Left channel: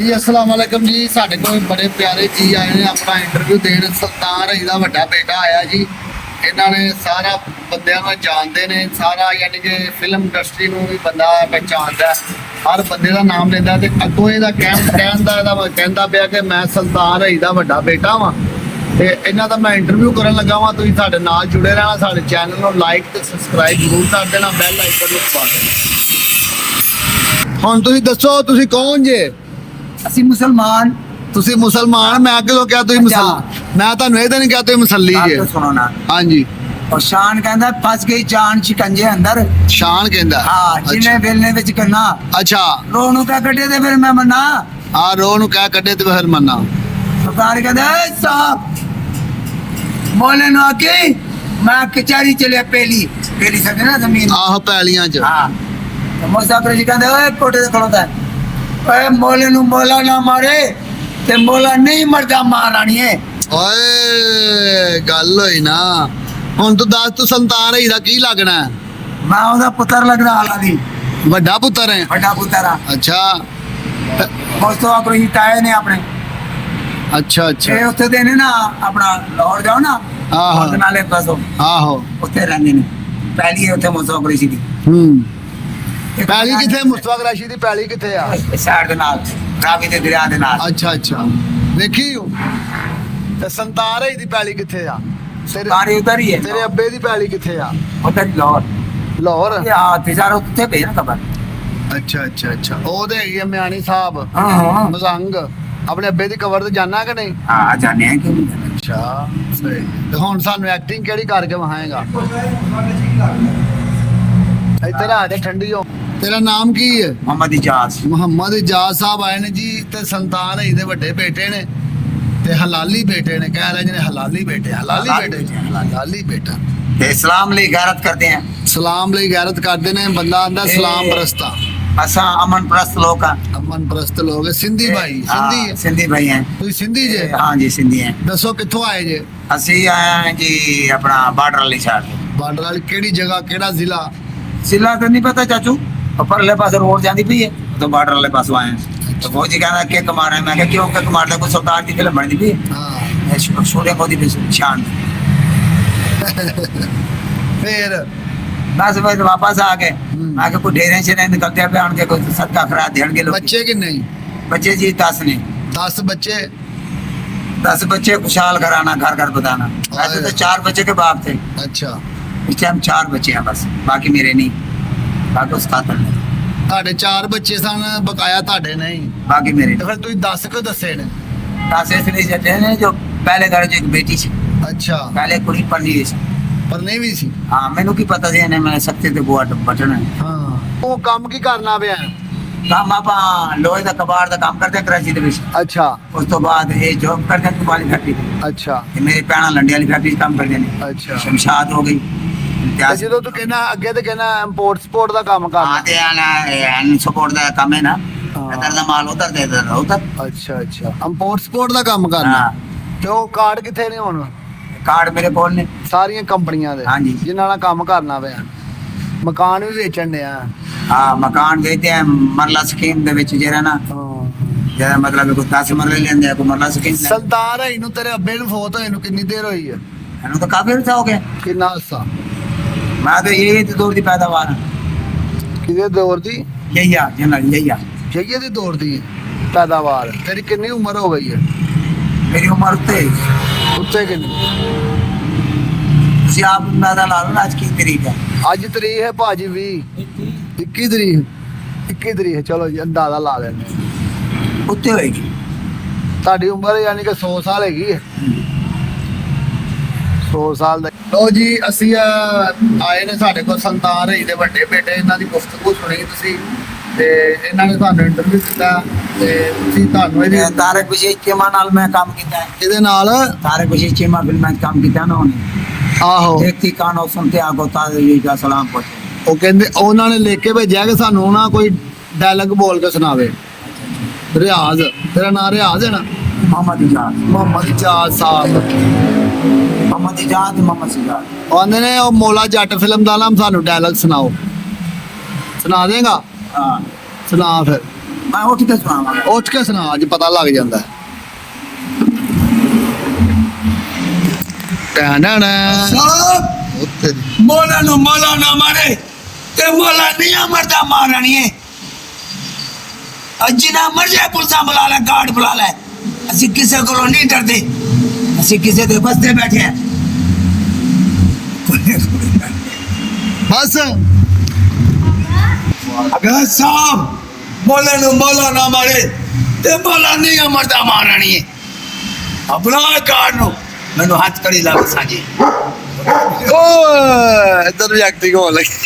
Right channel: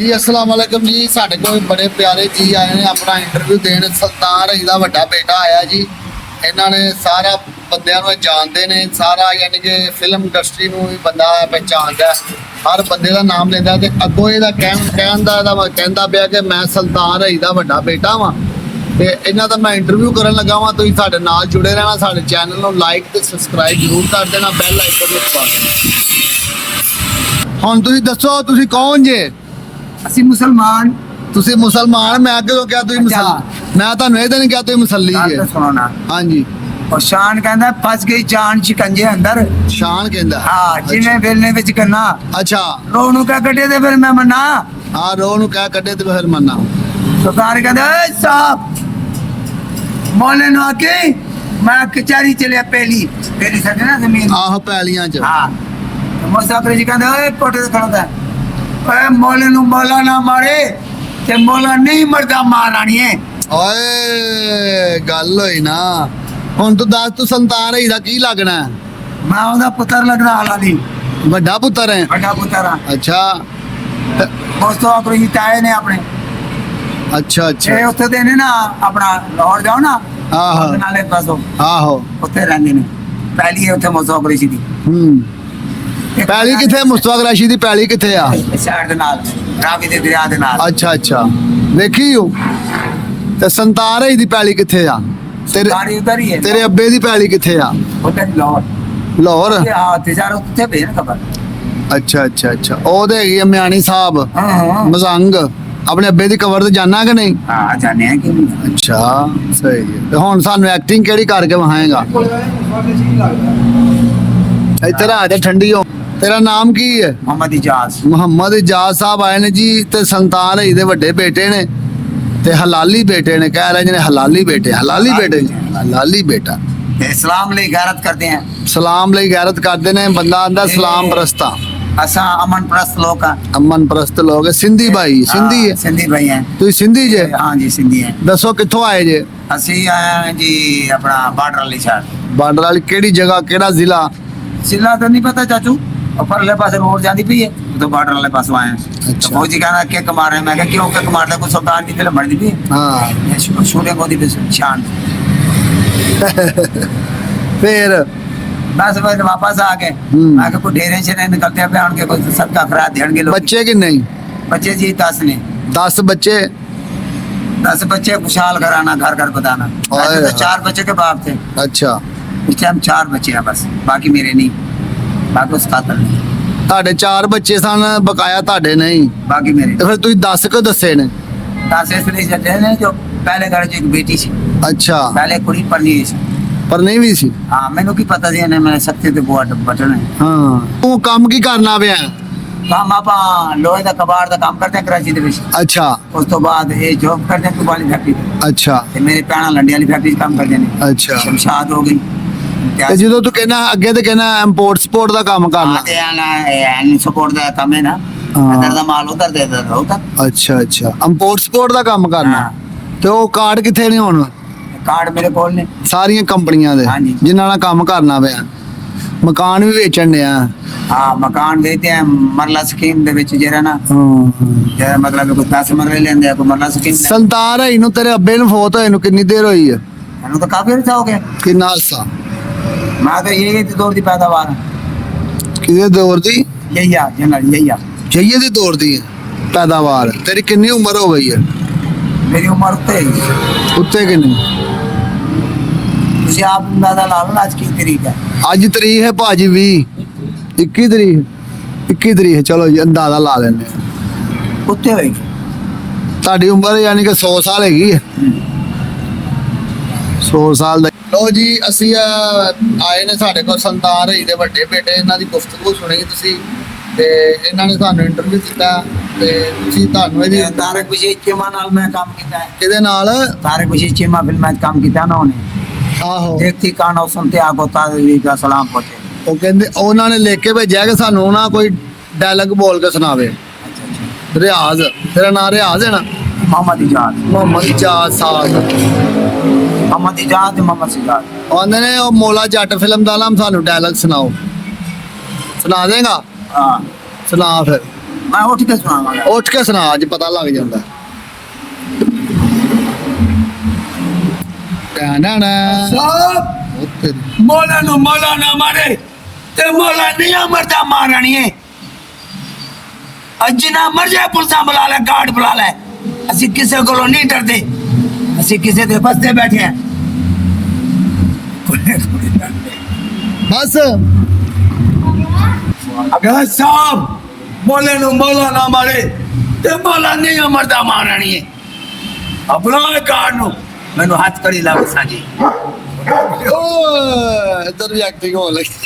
जी अस्सलाम वालेकुम जी। साढ़े को बड़े प्यारे जी आए ने अपना इंटरव्यू देने। सुल्तान रही दा वड्डा बेटा आया जी। इन्होंने सारा बंदियां नूं जानते ने, सारा यानी कि फिल्म इंडस्ट्री नूं भी बंदा पहचानता है, हर बंदे का नाम लेंदा ते अगों इहदा कहंदा पिया कि मैं सुल्तान रही दा वड्डा बेटा वां ते इन्हां दा मैं इंटरव्यू करन लगा वां। तुसीं साडे नाल जुड़े रहना, साडे चैनल नूं लाइक ते सबसक्राइब जरूर कर देना, बैल आइकन नूं दबा देना। हुण तुसीं दस्सो तुसीं कौन जे? ਅਸੀਂ ਮੁਸਲਮਾਨ। ਤੁਸੀਂ ਮੁਸਲਮਾਨ, ਮੈਂ ਕਿਉਂ ਕਿਹਾ ਤੁਸੀਂ ਮੁਸਲਮਾਨ? ਮੈਂ ਤੁਹਾਨੂੰ ਇਹ ਤਾਂ ਨਹੀਂ ਕਿਹਾ ਤੁਸੀਂ ਮੁਸੱਲੀ ਗੱਲ ਜੇ। ਤਾਂ ਸੁਣੋ ਨਾ। ਹਾਂਜੀ, ਔਰ ਸ਼ਾਨ ਕਹਿੰਦਾ ਫਸ ਗਈ ਜਾਨ ਸ਼ਿਕੰਜੇ ਅੰਦਰ। ਸ਼ਾਨ ਕਹਿੰਦਾ ਹਾਂ, ਜਿਹਨੇ ਵੇਲਣੇ ਵਿੱਚ ਕਰਨਾ ਅੱਛਾ, ਰੋਹ ਨੂੰ ਕਹਿ ਕੱਢੇ ਤੇ ਫਿਰ ਮੈਂ ਮੰਨਾ। ਆ ਰੋਹ ਨੂੰ ਕਹਿ ਕੱਢੇ ਤੇ ਫਿਰ ਮੰਨਾ। ਸਰਕਾਰ ਕਹਿੰਦਾ ਏ ਸਾਹਿਬ ਮੌਲੇ ਨੂੰ ਆ ਕੇ ਮੈਂ ਕਚਹਿਰੀ ਚਲਿਆ ਪਹਿਲੀ ਸਾਡੇ ਨਾ ਜ਼ਮੀਨ। ਆਹੋ ਪੈਲੀਆਂ ਚ। ਹਾਂ, ਤਾਂ ਮੁਸਾਫਰ ਜੀ ਕਹਿੰਦੇ ਓਏ ਕੋਟੇ ਤੇ ਖੜੋਦਾ ਓਏ ਮੌਲੇ ਨੂੰ ਮੌਲਾ ਨਾ ਮਾਰੇ ਤੇ ਮੌਲਾ ਨਹੀਂ ਮਰਦਾ ਮਾਰ ਆਣੀ ਹੈ। ਓਏ ਗੱਲ ਹੋਈ ਨਾ। ਹੁਣ ਤੂੰ ਦੱਸ, ਤੂੰ ਸੰਤਾਨ ਰਹੀ ਦਾ ਕੀ ਲੱਗਣਾ? ਮੈਂ ਉਹਦਾ ਪੁੱਤਰ ਲੱਗਦਾ ਹਾਲਾ ਦੀ, ਵੱਡਾ ਪੁੱਤਰ ਹੈ? ਵੱਡਾ ਪੁੱਤਰ ਆ। ਅੱਛਾ ਉਸ ਤੋਂ ਆਖਰ ਹੀ ਤਾਏ ਨੇ ਆਪਣੇ ਅੱਛਾ ਇਹ ਅੱਛਾ। ਉੱਥੇ ਦੇ ਨੇ ਨਾ ਆਪਣਾ ਲਾਹੌਰ ਜਾਓ ਨਾ ਆਹੋ ਨਾਲੇ ਪਾਸੋਂ ਆਹੋ, ਉੱਥੇ ਰਹਿੰਦੇ ਨੇ। ਪਹਿਲੀ ਹੈ ਉੱਥੇ ਮੁਸਾਫਰ ਸੀ ਦੀ। ਪੈਲੀ ਕਿੱਥੇ? ਮੁਸਤਫਾ ਕੁਰੈਸ਼ੀ ਦੀ ਪੈਲੀ ਕਿੱਥੇ ਆ? ਸ਼ਹਿਰ ਦੇ ਨਾਲ, ਰਾਵੀ ਦੇ ਦਰਿਆ ਦੇ ਨਾਲ। ਅੱਛਾ ਅੱਛਾ, ਵੇਖੀ ਹੋ। ਤੇ ਸੰਤਾਨ ਰਹੀ ਦੀ ਪੈਲੀ ਕਿੱਥੇ ਆ? ਸਾਰੀ ਉਧਰ ਹੀ ਹੈ। ਤੇਰੇ ਅੱਬੇ ਦੀ ਪੈਲੀ ਕਿੱਥੇ ਆ? ਉੱਧਰ ਹੀ ਲਾਹੌਰ। ਲਾਹੌਰ? ਹਾਂ, ਤੇ ਸਾਰਾ ਉੱਥੇ ਭੇਜ ਨਾ ਖਬਰ। ਅੱਛਾ ਅੱਛਾ ਅੱਛਾ। ਉਹਦੇ ਹੈਗੀ ਆ ਮਿਆਣੀ ਸਾਹਿਬ ਹਾਂ ਮਜ਼ੰਗ। ਆਪਣੇ ਅੱਬੇ ਦੀ ਕਬਰ ਤੇ ਜਾਣਾ ਕਿ ਨਹੀਂ? ਹਾਂ, ਜਾਣੇ ਆ ਕਿਉਂ ਨਹੀਂ। ਅੱਛਾ ਸਹੀ ਹੈ। ਤੇ ਹੁਣ ਸਾਨੂੰ ਐਕਟਿੰਗ ਕਿਹੜੀ ਕਰਕੇ ਵਿਖਾਏਗਾ? ਇੱਧਰ ਆ ਜਾ, ਠੰਡੀ ਹੋ। ਤੇਰਾ ਨਾਮ ਕੀ ਹੈ? ਮੁਹੰਮਦ ਇਜਾਜ਼। ਮੁਹੰਮਦ ਇਜਾਜ਼ ਸਾਹਿਬ ਆਏ ਨੇ ਜੀ। ਤੇ ਸੰਤਾਨ ਰਹੀ ਦੇ ਵੱਡੇ ਬੇਟੇ ਨੇ ਤੇ ਹਲਾਲੀ ਬੇਟੇ ਨੇ। ਕਹਿ ਰਹੇ ਨੇ ਹਲਾਲੀ ਬੇਟੇ, ਹਲਾਲੀ ਬੇਟੇ, ਹਲਾਲੀ ਬੇਟਾ। ਤੇ ਇਸਲਾਮ ਲਈ ਗੈਰਤ ਕਰਦੇ ਆ। ਸਲਾਮ ਲਈ ਗੈਰਤ ਕਰਦੇ ਨੇ। ਬੰਦਾ ਆਂਦਾ ਸਲਾਮ ਪ੍ਰਸਤਾ। ਅਸਾਂ ਅਮਨ ਪ੍ਰਸਤ ਲੋਕ ਆ। ਅਮਨ ਪ੍ਰਸਤ ਲੋਕ ਹੈ। ਸਿੰਧੀ ਭਾਈ? ਸਿੰਧੀ ਹੈ? ਸਿੰਧੀ ਭਾਈ ਹੈ। ਤੁਸੀਂ ਸਿੰਧੀ ਜੇ? ਹਾਂ ਜੀ, ਸਿੰਧੀ ਹੈ। ਦੱਸੋ ਕਿੱਥੋਂ ਆਏ ਜੇ? ਅਸੀਂ ਆਏ ਹਾਂ ਜੀ ਆਪਣਾ ਬਾਰਡਰ ਵਾਲੀ ਸਾਈਡ। ਬਾਰਡਰ ਵਾਲੀ ਕਿਹੜੀ ਜਗ੍ਹਾ, ਕਿਹੜਾ ਜ਼ਿਲ੍ਹਾ? ਜ਼ਿਲ੍ਹਾ ਤਾਂ ਨਹੀਂ ਪਤਾ ਚਾਚੂ, ਉਹ ਪਰਲੇ ਪਾਸੇ ਰੋਡ ਜਾਂਦੀ ਪਈ ਹੈ, ਉਹ ਬਾਰਡਰ ਵਾਲੇ ਪਾਸੋਂ ਆਏ ਹਾਂ। ਤਾਂ ਫੌਜੀ ਕਹਿੰਦਾ ਕਿੱਕ ਮਾਰ ਰਿਹਾ। ਮੈਂ ਕਿਹਾ ਕਿਉਂ ਕਿੱਕ ਮਾਰਦਾ? ਕੋਈ ਸੁਲਤਾਨ ਦੀ ਫਿਲਮ ਬਣਦੀ ਪਈ ਹਾਂ। ਸ਼ੂਟਿੰਗ ਉਹਦੀ ਸ਼ਾਨ। ਫਿਰ बस बस वापस आ गए। मैं कोई ढेरे से नहीं निकलते पे उनके कोई सदका खरा देंगे लोग। बच्चे कि नहीं? बच्चे जी 10 ने। 10 बच्चे? 10 बच्चे खुशहाल कराना, घर घर बताना। ऐसे तो 4 बच्चे के बाप थे। अच्छा, इस टाइम 4 बच्चे हैं बस, बाकी मेरे नहीं, बाकी उस कातल ने। ਤੁਹਾਡੇ 4 ਬੱਚੇ ਸਨ, ਬਕਾਇਆ ਤੁਹਾਡੇ ਨਹੀਂ? बाकी मेरे ਤੇ ਫਿਰ ਤੁਸੀਂ 10 ਕਿਉਂ ਦੱਸੇ ਨੇ? 10 इसलिए चलते हैं जो पहले घर जो एक बेटी थी, ਅੱਛਾ, पहले कुड़ी पढ़नी थी। ਪਰ ਨਹੀਂ ਵੀ ਸੀ। हाँ, मैनू की पता थी मैं सकते थे बुआ बटन है। ਹਾਂ, ਤੂੰ ਕੰਮ ਕੀ ਕਰਨਾ ਪਿਆ? काम आप लोहे का कबाड़ का काम करते हैं कराची ਦੇ ਵਿੱਚ। ਅੱਛਾ ਉਸ ਤੋਂ ਬਾਅਦ ਇਹ ਜੌਬ ਕਰਦੇ हैं वाली फैक्ट्री ਤੇ। ਅੱਛਾ ਤੇ ਮੇਰੇ ਭੈਣਾਂ ਲੰਡੇ ਵਾਲੀ ਫੈਕਟਰੀ 'ਚ ਕੰਮ ਕਰਦੇ ਨੇ। ਅੱਛਾ। ਸ਼ਮਸ਼ਾਦ ਹੋ ਗਈ। ਤੇ ਜਦੋਂ ਤੂੰ ਕਹਿੰਦਾ ਅੱਗੇ ਤੇ ਕਹਿੰਦਾ ਇੰਪੋਰਟ ਸਪੋਰਟ ਦਾ ਕੰਮ ਹਾਂ, ਕਰਨਾ। ਤੇ ਐਨ ਸਪੋਰਟ ਦਾ ਕੰਮ ਹੈ ਨਾ। ਹਾਂ। ਇਧਰ ਦਾ ਮਾਲ ਉਧਰ ਦੇ ਦਿੰਦਾ ਉਧਰ। ਅੱਛਾ ਅੱਛਾ, ਇੰਪੋਰਟ ਸਪੋਰਟ ਦਾ ਕੰਮ ਕਰਨਾ। ਹਾਂ। ਤੇ ਉਹ ਕਾਰਡ ਕਿੱਥੇ ਨੇ ਹੁਣ? ਕਾਰਡ ਮੇਰੇ ਕੋਲ ਨੇ ਸਾਰੀਆਂ ਕੰਪਨੀਆਂ ਦੇ ਹਾਂਜੀ। ਜਿਨ੍ਹਾਂ ਨਾਲ ਕੰਮ ਕਰਨਾ ਪਿਆ। ਮਕਾਨ ਵੀ ਵੇਚਣ ਡਿਆ? ਹਾਂ, ਮਕਾਨ ਵੇਚਦੇ ਆ ਮਰਲਾ ਸਕੀਮ ਦੇ ਵਿੱਚ ਜਿਹੜਾ ਨਾ, ਹਾਂ। ਜਿਹੜਾ ਮਤਲਬ ਕੋਈ 10 ਮਰਲੇ ਲੈਂਦੇ ਆ, ਕੋਈ ਮਰਲਾ ਸਕੀਮ ਲੈ। ਸੰਤਾਨ ਰਹੀ ਨੂੰ ਤੇਰੇ ਅੱਬੇ ਨੂੰ ਫੌਤ ਹੋਏ ਨੂੰ ਕਿੰਨੀ ਦੇਰ ਹੋਈ ਹੈ? ਇਹਨੂੰ ਤਾਂ ਕਾਫੀ ਅਰਸਾ ਹੋ ਗਿਆ। ਕਿੰਨਾ ਅਰਸਾ? ਮੈਂ ਤਾਂ ਇਹ ਦੌਰ ਦੀ ਪੈਦਾਵਾਰ ਹਾਂ। ਕਿਹਦੇ ਦੌਰ ਦੀ? ਯਹੀ ਆ ਜਨਰਲ, ਯਹੀ ਆ ਜਈਏ ਦੀ ਦੌਰ ਦੀ ਪੈਦਾਵਾਰ। ਤੇਰੀ ਕਿੰਨੀ ਉਮਰ ਹੋ ਗਈ ਹੈ? ਮੇਰੀ ਉਮਰ ਉੱਤੇ। ਉੱਤੇ ਕਿੰਨੀ? ਤੁਸੀਂ ਆਪ ਅੰਦਾਜ਼ਾ ਲਾ ਲਓ ਨਾ ਅੱਜ ਕੀ ਤਰੀਕ ਹੈ। ਅੱਜ ਤਰੀਕ ਹੈ ਭਾਜੀ 20 21 ਤਰੀਕ 21 ਤਰੀਕ ਹੈ। ਚਲੋ ਜੀ ਅੰਦਾਜ਼ਾ ਲਾ ਲੈਂਦੇ ਹਾਂ। ਉੱਤੇ ਹੋਏਗੀ ਤੁਹਾਡੀ ਉਮਰ ਯਾਨੀ ਕਿ 100 ਸਾਲ ਹੈਗੀ ਹੈ। 100 ਸਾਲ ਦਾ। ਲੋ ਜੀ, ਅਸੀਂ ਆਏ ਨੇ ਸਾਡੇ ਕੋਲ ਸੰਤਾਨ ਰਹੀ ਦੇ ਵੱਡੇ ਬੇਟੇ। ਇਹਨਾਂ ਦੀ ਗੁਫ਼ਤਗੂ ਸੁਣੀ ਤੁਸੀਂ ਤੇ ਇਹਨਾਂ ਨੇ ਤੁਹਾਨੂੰ ਇੰਟਰਵਿਊ ਦਿੱਤਾ ਤੇ ਤੁਸੀਂ ਤੁਹਾਨੂੰ ਇਹਦੀ ਤਾਰਕ ਬਸ਼ੀਰ ਚੀਮਾ ਨਾਲ ਮੈਂ ਕੰਮ ਕੀਤਾ ਹੈ। ਇਹਦੇ ਨਾਲ ਤਾरक बशीर चीमा फिल्म में काम किया ना उन्हें। ਆਹੋ, देखती कान और सुनते आगो ताज़ी का सलाम पहुंचे। ਉਹ ਕਹਿੰਦੇ ਉਹਨਾਂ ਨੇ ਲਿਖ ਕੇ ਭੇਜਿਆ ਕਿ ਸਾਨੂੰ ਨਾ ਕੋਈ ਡਾਇਲੌਗ ਬੋਲ ਕੇ ਸੁਣਾਵੇ। ਰਿਆਜ਼, ਤੇਰਾ ਨਾਮ ਰਿਆਜ਼ ਹੈ ਨਾ? मोहम्मद इजाज। ਮੁਹੰਮਦ ਇਜਾਜ਼ ਸਾਹਿਬ। मोहम्मद इजाज, मोहम्मद सिजाद। ਉਹਨੇ ਨੇ ਉਹ ਮੌਲਾ ਜੱਟ ਫਿਲਮ ਦਾ ਨਾਮ ਸਾਨੂੰ ਡਾਇਲੌਗ ਸੁਣਾਓ। ਸੁਣਾ ਦੇਗਾ? हाँ, ਸੁਣਾ ਫਿਰ। ਮੈਂ ਉੱਠ ਕੇ ਸੁਣਾਵਾਂਗਾ। ਉੱਠ ਕੇ ਸੁਣਾ, ਅੱਜ ਪਤਾ ਲੱਗ ਜਾਂਦਾ। ਟਾਣਾ ਨਾ ਸਾਹਿਬ ਉੱਥੇ ਮੌਲਾ ਨੂੰ ਮੌਲਾ ਨਾ ਮਾਰੇ ਤੇ ਮੌਲਾ ਨਹੀਂ ਮਰਦਾ ਮਾਰਣੀਏ। ਅੱਜ ਨਾ ਮਰ ਜਾਏ ਪੁਲਿਸਾਂ ਬੁਲਾ ਲੈ, ਗਾਰਡ ਬੁਲਾ ਲੈ, ਅਸੀਂ ਕਿਸੇ ਕੋਲੋਂ ਨਹੀਂ ਡਰਦੇ, ਅਸੀਂ ਕਿਸੇ ਦੇ ਬਸਤੇ ਬੈਠੇ ਆ। ਬਸ ਅਗਰ ਸਾਹਿਬ ਮੌਲੇ ਨੂੰ ਮੌਲਾ ਨਾ ਮਾਰੇ ਤੇ ਮੌਲਾ ਨਹੀਂ ਮਰਦਾ ਮਾਰਣੀਏ। ਆਪਣਾ ਗਾਰਡ ਨੂੰ ਮੈਨੂੰ ਹੱਥ ਕੜੀ ਲਾਓ ਸਾਜੀ। ਓਏ ਇੱਧਰ ਵੀ ਐਕਟਿੰਗ ਹੋਣ ਲੱਗੀ।